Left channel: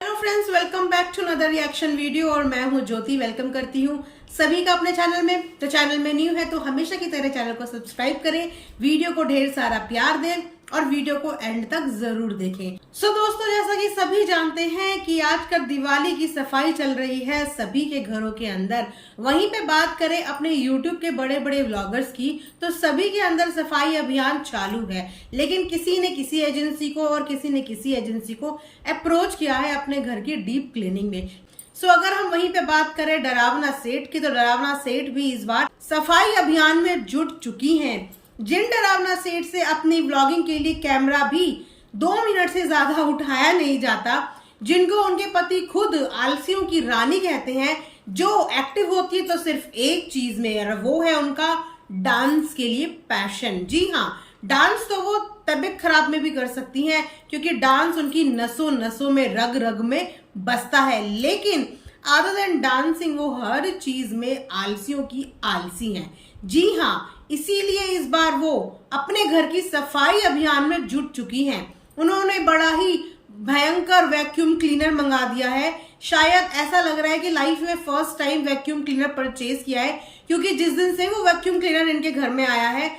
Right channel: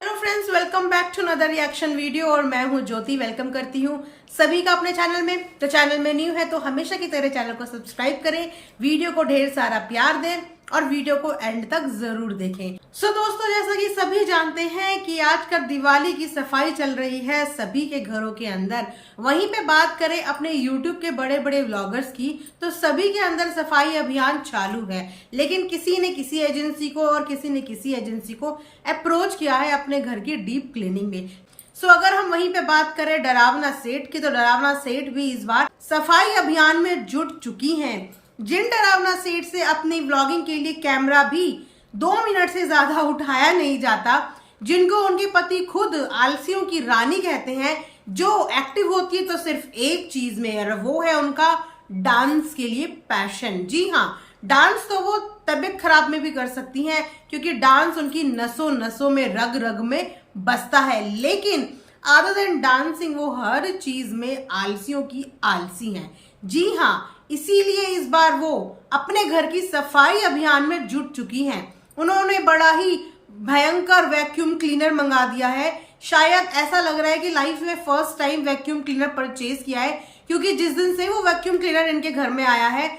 Hello friends, welcome back to another reaction video. और मैं हूं ज्योति। वेलकम करती हूं सभी का अपने चैनल में। तो चैनल में न्यू है तो हमेशा की तरह चैनल को सब्सक्राइब करें, वीडियो को ढेर सारा प्यार दें और वीडियो को एंड तक जरूर देखें। सो दोस्तों, जैसा कि सभी जानते हैं कि आजकल दिवाली की सफाई चल रही है सभी के घरों के अंदर। वहीं पे बात करें अपने यूट्यूब के बड़े बड़े व्लॉगर्स की, तो सभी के अंदर सफाई अभियान चालू है। लेकिन किसी ने किसी एजेंसी को और किसी ने किसी एजेंसी को अप्रोच किया है अपने घर की डीप क्लीनिंग में। सो अगर हम वहीं पे बात करें डरावना सेठ की, तो डरावना सेठ भी इस बार सफाई अभियान में जुट चुकी हैं। जिन डरावना सेठ से अपनी व्लॉगिंग के लिए कैमरा भी 2 मिनट से ज्यादा उठाया नहीं जाता, जिनको उनके पति खुद आलसियों की रानी कहते हैं, जो एक्टिव होती है तो सिर्फ एक चीज में, वो है उनका डांस के लिए पैशन। जी हाँ, डांस तो वो तबीयत खराब में भी कर सकती हैं, क्योंकि डांस उनकी नसों नसों में रग रग में बसता है। लेकिन अदर देन डांसिंग वो हर चीज में आलसियों की आलसी हैं। जी हाँ, इसीलिए इस बार वो अपने घर की सफाई अभियान में जुट चुकी हैं। उन्होंने बड़ा ही भयंकर वैक्यूम क्लीनर मंगा दिया है। शायद ऐसा लग रहा है कि लाइफ में first time vacuum cleaner purchase किया है, क्योंकि जिस दिन से वो वैक्यूम क्लीनर इनके घर में आया है,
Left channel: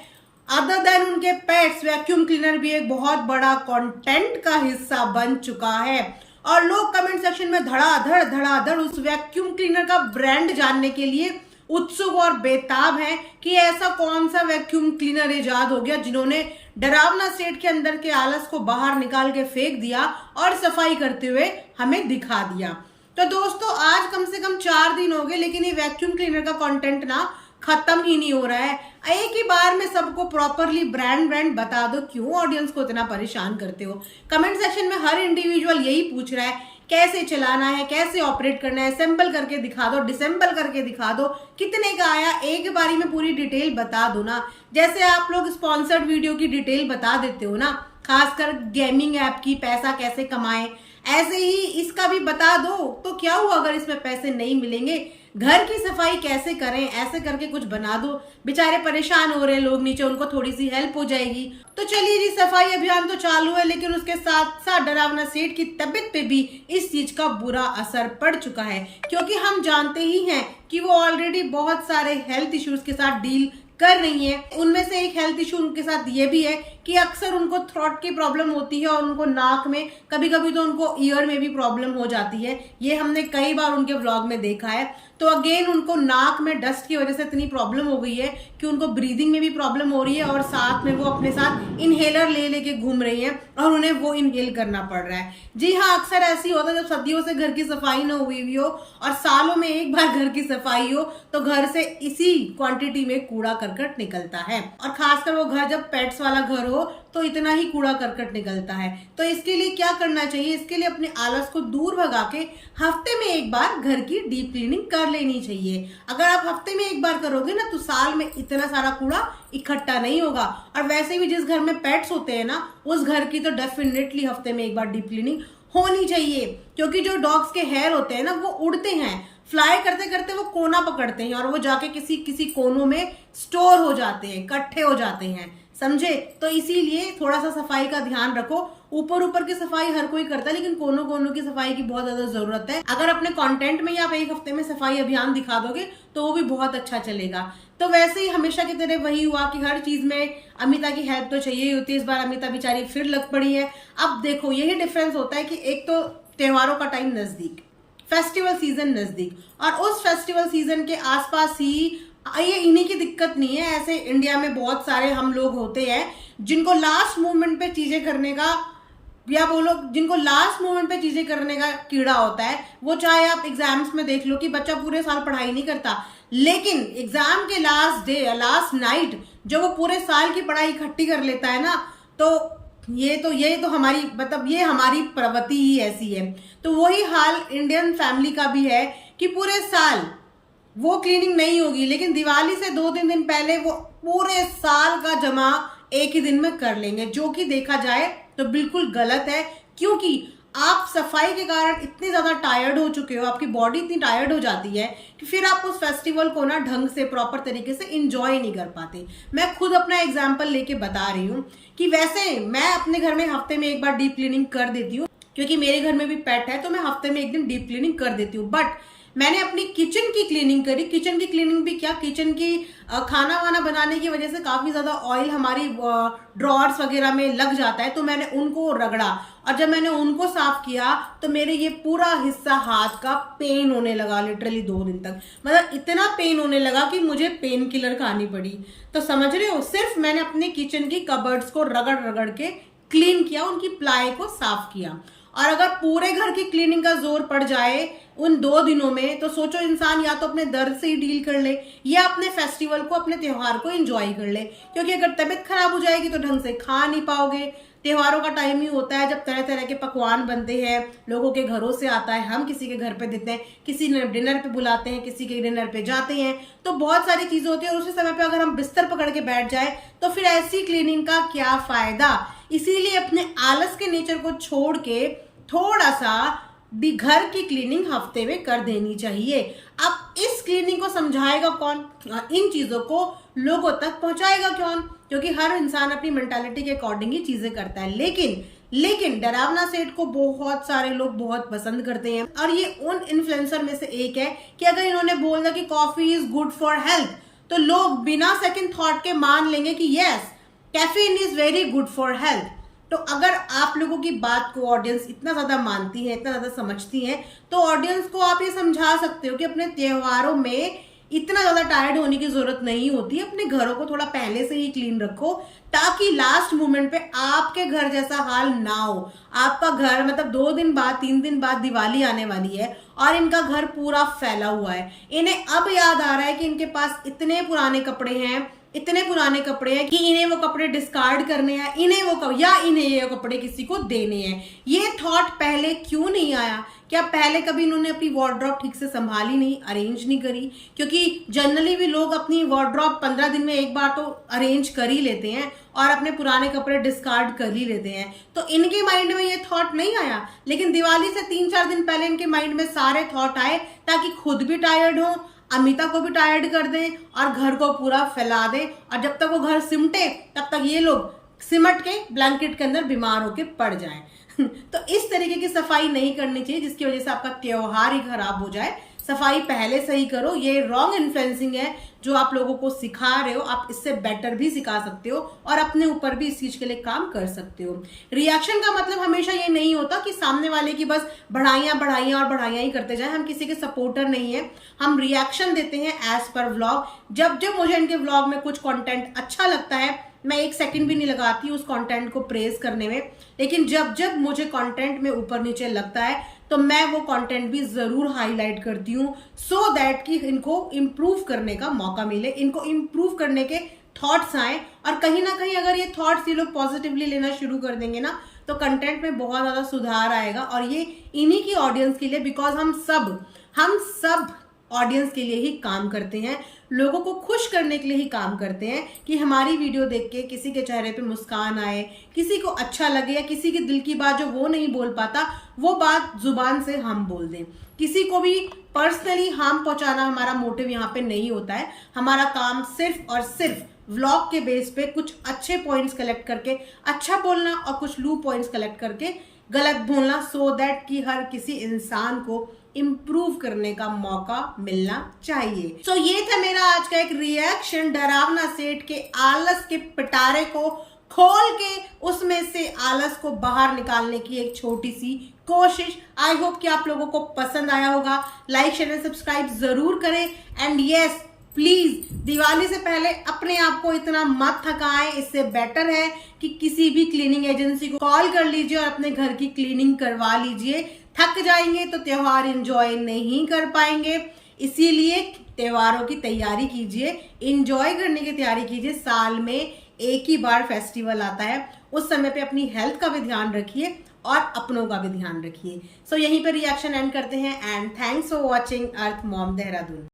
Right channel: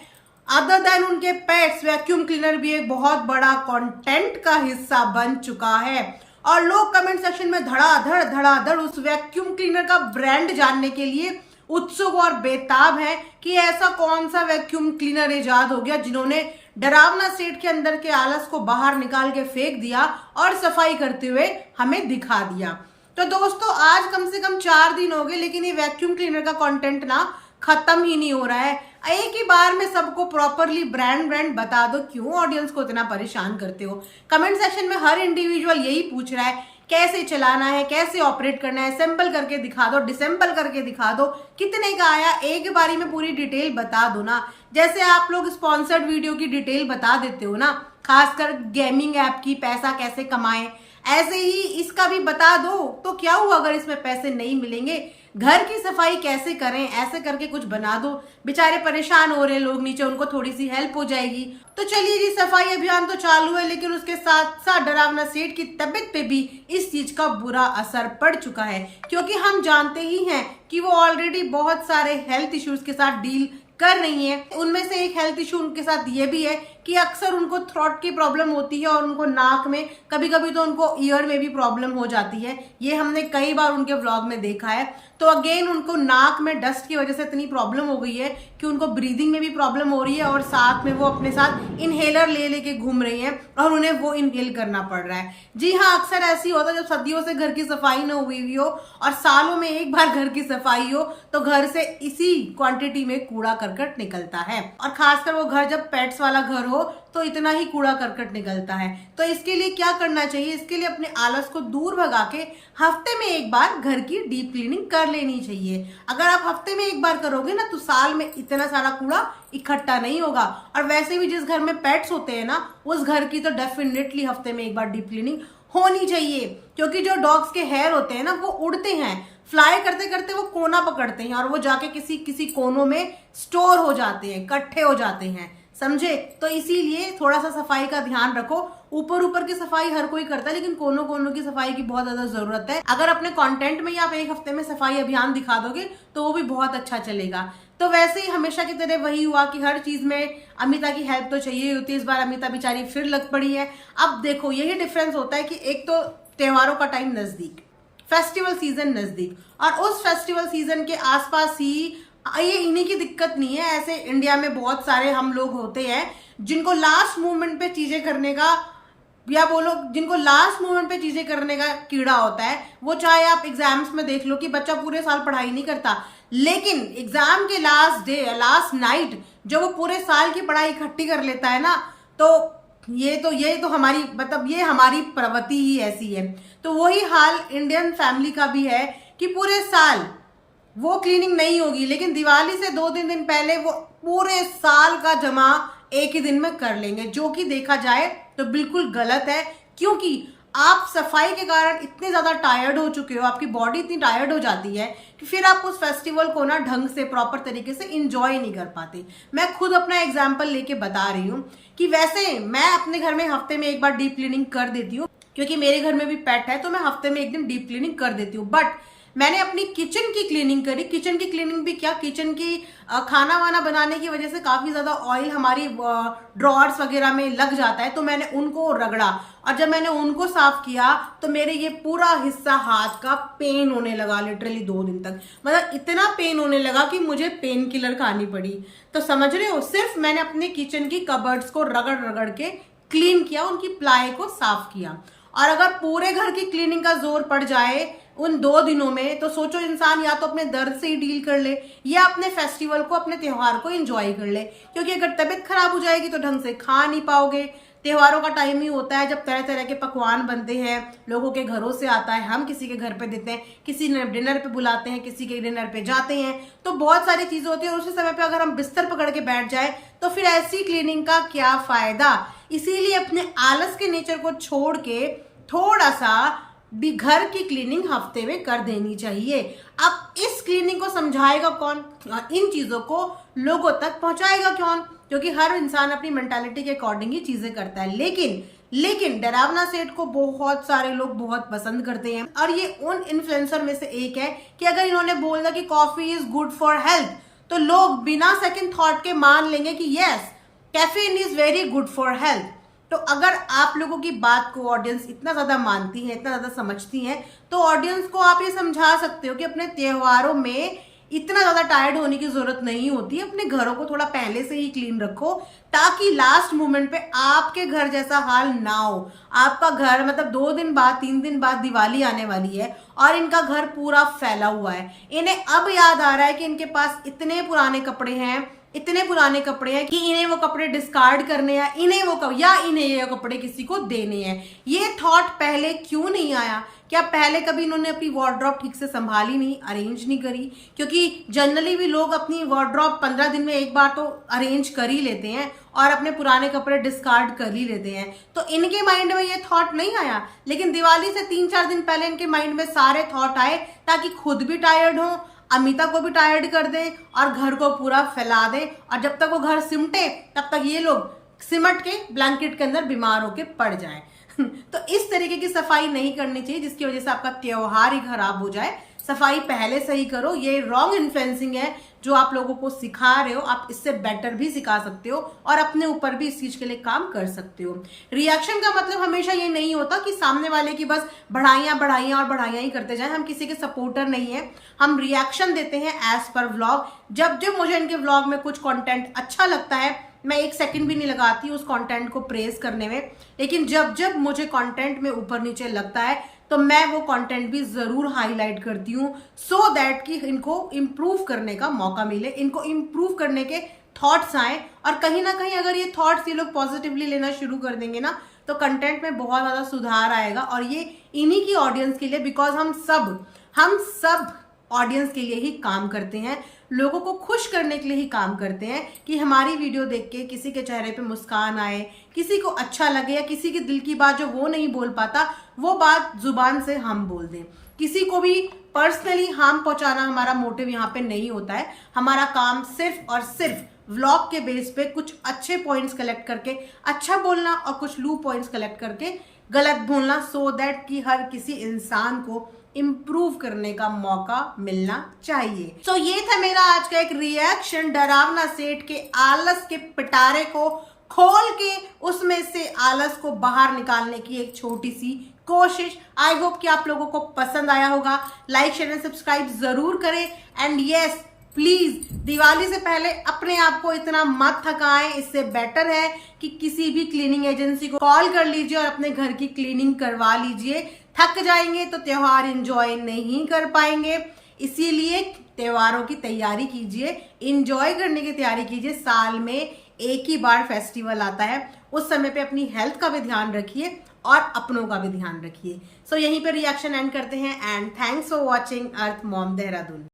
अदर देन उनके पेट्स, वैक्यूम क्लीनर भी एक बहुत बड़ा कंटेंट का हिस्सा बन चुका है। और लोग कमेंट सेक्शन में धड़ाधड़ उस वैक्यूम क्लीनर का ब्रांड जानने के लिए उत्सुक और बेताब है कि ऐसा कौन सा वैक्यूम क्लीनर इजाद हो गया जिन्होंने डरावना सेठ के अंदर के आलस को बाहर निकाल के फेंक दिया और सफाई करते हुए हमें दिखा दिया। तो दोस्तों, आज कम से कम 4 दिन हो गए, लेकिन ये वैक्यूम क्लीनर का कंटेंट ना खत्म ही नहीं हो रहा है। एक ही बार में सबको प्रॉपरली ब्रांड बता दो, क्यों ऑडियंस को इतना परेशान करते हो। कमेंट सेक्शन में हर इंडिविजुअल यही पूछ रहा है, कैसे चलाना है, कैसे ऑपरेट करना है, असेंबल करके दिखा दो, डिसेंबल करके दिखा दो, कितने का आया, एक बारी में पूरी डिटेल बता दो ना। जैसे आप लोग स्पॉन्सर्ड वीडियो की डिटेल बता देते हो ना, खासकर गेमिंग ऐप की पैसा कैसे कमाएं, ऐसे ही इसका भी बता दो। तो क्या हुआ अगर इसमें पैसे नहीं मिलेंगे? घर की सफाई कैसे करें, ऐसे करके कुछ बना दो। बेचारे परेशान हो रहे लोग नीचे, उनको थोड़ी सी हेल्प हो जाएगी। तो चलिए जी, सफाई अभियान तो चालू है, लेकिन उसके साथ साथ डरावना सेठ की तबीयत पे भी इस चीज का बुरा असर पड़ चुका है, क्योंकि हम जानते ही हैं कि वो ऑलरेडी बहुत सारे हेल्थ इश्यूज के साथ डील कर रही हैं। उनमें से एक हेल्थ इशू उनके साथ ये भी है कि अक्सर उनको थ्रोट की प्रॉब्लम होती है और उनको नाक में, कभी कभी तो उनको ईयर में भी प्रॉब्लम हो जाती है। ये हमने कई बार उनके व्लॉग में देखा है। तो अगेन उनको नाक में डस्ट की वजह से इतनी प्रॉब्लम हो गई है कि उनको ब्रीदिंग में भी प्रॉब्लम हो रही है, और साथ में वो अपने साथ इनहेलर ले लेके घूम रही हैं और उन्हें वो इनहेल करना पड़ रहा है। जी हाँ, अक्सर ऐसी होता है जब सदियों से घर की सफाई न हुई हो और सालों में एक बार घर की सफाई हो, तो घर से इसी क्वांटिटी में कूड़ा करकट निकलता है। और खासकर वो घर जब पेट्स वाला घर हो तो इतना ही कूड़ा करकट निकलता है। तो इसके लिए क्या करना चाहिए? इसके लिए अपने आलस को दूर भगा के हफ्ते में एक बार घर की डीप क्लीनिंग कर लेनी चाहिए। अगर आप हफ्ते में एक बार करोगे ना, तो साल में इतना सारा कूड़ा इकट्ठा नहीं होगा। और वैसे भी जिस घर में पेट्स होते हैं ना, उस घर की तो डेफिनेटली हफ्ते में एक बार डीप क्लीनिंग होनी चाहिए, क्योंकि जो डॉग्स के हेयर होते हैं ना, वो उड़ते हैं, फ्लाई करते करते वो कोना पकड़ते हैं और वो जाके किसी किसी कोनों में स्टोर हो जाते हैं, इकट्ठे हो जाते हैं, समझे? तो इसीलिए थोड़ा सा सफाई का ध्यान रखो। ऊपर ऊपर की सफाई हर कोई करता है, लेकिन कोनों कोनों की सफाई की बहुत ज्यादा जरूरत है। अगर अपने कंटेंट में ही आप एक हफ्ते में सफाई अभियान दिखा दोगे तो वो भी बहुत अच्छा चलेगा। तो वैसे ही हमेशा की तरह वही हुआ कि हर चीज में अमिता की हेल्प तो चाहिए होती है। इस बार अमिता बेचारी फिर लग पड़ी है। अब देखो, यही डिफरेंस होता है कि एक तो त्योहारों का टाइम नजदीक, फेस्टिवल सीजन नजदीक, और उस फेस्टिवल सीजन के आसपास ही ये इन्हीं की दिक्कत नहीं है। ऐसे इंडिया में बहुत सारे हम लोग होते हैं जिनको लास्ट मोमेंट पे चीजें करने का, या बोलो जिनको लास्ट मोमेंट पे चीजें करने का कीड़ा होता है। वो चाहे आप एग्जाम्स में देख लो कि बच्चा पूरे साल पढ़ाई नहीं करता, लेकिन एग्जाम के लास्ट डे, लास्ट नाइट जो वो पूरे साल की पढ़ाई इकट्ठी कर लेता है ना, तो ये तो हमारी, मतलब ये हमारी प्रवृत्ति ही ऐसी है। तो वही हाल इंडियन फैमिली का भी है कि पूरे साल वो क्लीनिंग नहीं होगी, लेकिन दिवाली से 2-3 दिन पहले वो पूरे साल का जमा एक ही दिन में कर लेंगे, जो कि देखा जाए तो बिल्कुल गलत है। क्योंकि आप सफाई के कारण इतने ज्यादा टायर्ड हो चुके हो, आपकी बॉडी इतनी टायर्ड हो जाती है कि फिर आप उस फेस्टिवल को ना ढंग से, प्रॉपर तरीके से इंजॉय नहीं कर पाते। मैं खुद अपना एग्जाम्पल लेके बता रही हूँ कि वैसे मैं अपने घर में हफ्ते में एक बार डीप क्लीनिंग कर देती हूँ, क्योंकि मेरे घर में भी पेट है तो मैं हफ्ते में एक दिन डीप क्लीनिंग कर देती हूँ। बट मैंने अपनी किचन की क्लीनिंग करी। किचन की क्लीनिंग भी क्या, किचन की खाना वाना बनाने की वजह से काफी ज्यादा ऑयल हमारी ड्रॉर्स वगैरह में लग जाता है, तो मैंने उनको रगड़ा और जब मैंने उनको साफ किया तो मेरे ये पूरा हिस्सा हाथ का पेन होने लगा, लिटरली 2 दिन तक। मतलब इतना पेन होने लगा कि मुझे पेन किलर खानी पड़ी। तो समझ रहे हो, सिर्फ मैंने अपने किचन की कबर्ड्स को रगड़ रगड़ के क्लीन किया, उनकी प्लाई को साफ किया। और अगर पूरे घर की क्लीनिंग का जोर पड़ जाए उन 2 दिनों में, तो सोचो इंसान या तो अपने दर्द से ही डील कर ले या अपने फेस्टिवल को, अपने त्योहार को एंजॉय कर ले। क्योंकि अगर तबीयत खराब हो जाएगी तो ढंग से खा नहीं पाओगे। त्योहारों का टाइम ही होता है जब तरह तरह के पकवान बनते हैं, लोगों के घरों से आता है, हम किसी के घर पे देते हैं, किसी ने डिनर पे बुलाते हैं, किसी के डिनर पे जाते हैं, तो बहुत सारी चीजें होती है। और उसी समय पे अगर हम बिस्तर पकड़ के बैठ जाए तो फिर ऐसी क्लीनिंग का क्या फायदा। इसीलिए अपने आलस के नेचर को छोड़ के थोड़ा सा भी घर की क्लीनिंग हफ्ते में कर देनी चाहिए। अब इस क्लीनिंग को समझाएगा कौन, इन चीजों को लोगों तक पहुंचाएगा कौन, क्योंकि हर इंसान अपनी मेंटालिटी के अकॉर्डिंग ही चीजें करता है। लेकिन डरावना सेठ को बहुत सारे लोग बहुत पसंद करते हैं और ये उन इन्फ्लुएंसर में से एक है कि अगर इन्होंने बोल दिया कि coffee is good for health तो लोग बिना सेकंड थॉट के मान लेंगे कि yes, caffeine is very good for health. तो अगर आप लोगों की बात को ऑडियंस इतना ज्यादा मानती है, इतना ज्यादा समझती है, तो ऑडियंस को आप ये समझा सकते हो कि अपने त्योहारों में इतना ज्यादा टायर्ड होने की जरूरत नहीं होती। अपने घरों को थोड़ा पहले से ही क्लीन रखो ताकि लास्ट मोमेंट पे आपके घर जैसा हाल ना हो। आपका घर मतलब 2 दिन बाद 3 दिन बाद दिवाली आने वाली है और इनका घर पूरा फैला हुआ है। इन्हें अब याद आ रहा है कि इनके पास इतने पुराने कपड़े हैं कि इन्हें वो कपड़े डिस्कार्ड करने हैं, इन्हें ये कपड़े किसी को देने हैं। ये थॉट पहले क्यों नहीं आया? क्या पहले कभी इन्होंने अपनी वार्डरोब ठीक से संभाली नहीं, अरेंज नहीं करी? क्योंकि जनरली भी लोग अपनी वार्डरोब 15 दिन में एक बार तो अरेंज कर ही लेते हैं और अपने पुराने कपड़े डिस्कार्ड कर ही लेते हैं। तो इनके माइंड में ये थॉट नहीं आया, लेकिन दिवाली से 3-4 दिन पहले इनके माइंड में सारे थॉट आए ताकि खुद भी टायर्ड हो, अमिता को भी टायर्ड कर दे और घर को पूरा फैला दे। और जब तक वो घर सिमटे तब तक ये लोग सिमट के ब्लैंकेट के अंदर बीमार होके पड़ जाएं। तो इस तरीके की सफाई नहीं करनी चाहिए जिसकी वजह से आपका त्योहार ही खराब हो जाए। सफाई पहले से ही करो। ये रॉन्ग इन्फ्लुएंसिंग है जो आप लोगों को सिखा रहे हो। आप इससे बेटर भी सिखा सकते हो और अपने ऊपर भी इस चीज के लिए काम कर सकते हो। रिएक्शन का मतलब हमेशा ये नहीं होता कि सामने वाले की बस बढ़ाइयां ही करते जाएं। हम किसी के सपोर्टर नहीं है, हम रिएक्शन देते हैं एज पर व्लॉग। जब मुझे इनके व्लॉग में कुछ कंटेंट अच्छा लगता है मैं 1 सेकंड भी नहीं लगाती उस कंटेंट को प्रेज करने में, लेकिन जब मुझे कंटेंट में ऊपर नीचे लगता है तो मैं वो कंटेंट भी जरूर हाईलाइट करती हूँ सो दैट कि इनको इम्प्रूव करने का मौका मिले, इनको इम्प्रूव करने के थॉट्स आए। और कहीं ना कहीं अगर ये थॉट्स ये लोग पॉजिटिवली लेना शुरू कर देंगे ना तो कंटेंट में बहुत ज्यादा सुधार आएगा। और ये इन्हीं की ऑडियंस के लिए, बिकॉज हम सब ऑडियंस के लिए ही काम करते हैं, लोगों को खुश करने के लिए ही काम करते हैं कि हमारी वीडियो देख के किसी के चेहरे पे मुस्कान आए, किसी को अच्छा लगे या किसी की दिल की बात जो वो नहीं बोल पाता वो बात जुबान से हम बोल दें। किसी को भी पर्सनली हार्म पहुंचाना हमारा मोटिव यहाँ पे नहीं होता है। हमारा काम सिर्फ और सिर्फ व्लॉग के बेस पे कुछ अच्छे पॉइंट्स कलेक्ट करके अच्छा बोलना और कुछ लू पॉइंट्स कलेक्ट करके गलत बोलना, सो दैट कि हर किसी इंसान को इम्प्रूव करने का मौका मिलना चाहिए। तो ये था मेरा आज का एक रिएक्शन डरावना सेठ के आलस के पिटारे को खोल के उसमें से आलस को बाहर निकालने की एक छोटी सी कोशिश। आई होप कि आप लोगों को पसंद आया होगा। लाइक शेयर एंड सब्सक्राइब जरूर करें। एंड यस, प्लीज दिवाली से पहले अपने आप को इतना मत थकाएं। इससे बेटर है कि किसी भी क्लीनिंग एजेंसी को कॉल कर लीजिए और अपने घर की क्लीनिंग करवा लीजिए। थक जाएंगे तो त्योहार एंजॉय नहीं कर पाएंगे, इसीलिए त्योहारों की तैयारी कीजिए, एंजॉय करने की तैयारी कीजिए। साल में एक ही बार फेस्टिवल आता है, उस समय पे अपनी हेल्थ का भी ध्यान रखिए और अपनों का भी ध्यान रखिए। सो यहीं पे रिएक्शन एंड करते हैं। And thanks for watching earth mom Dehradun.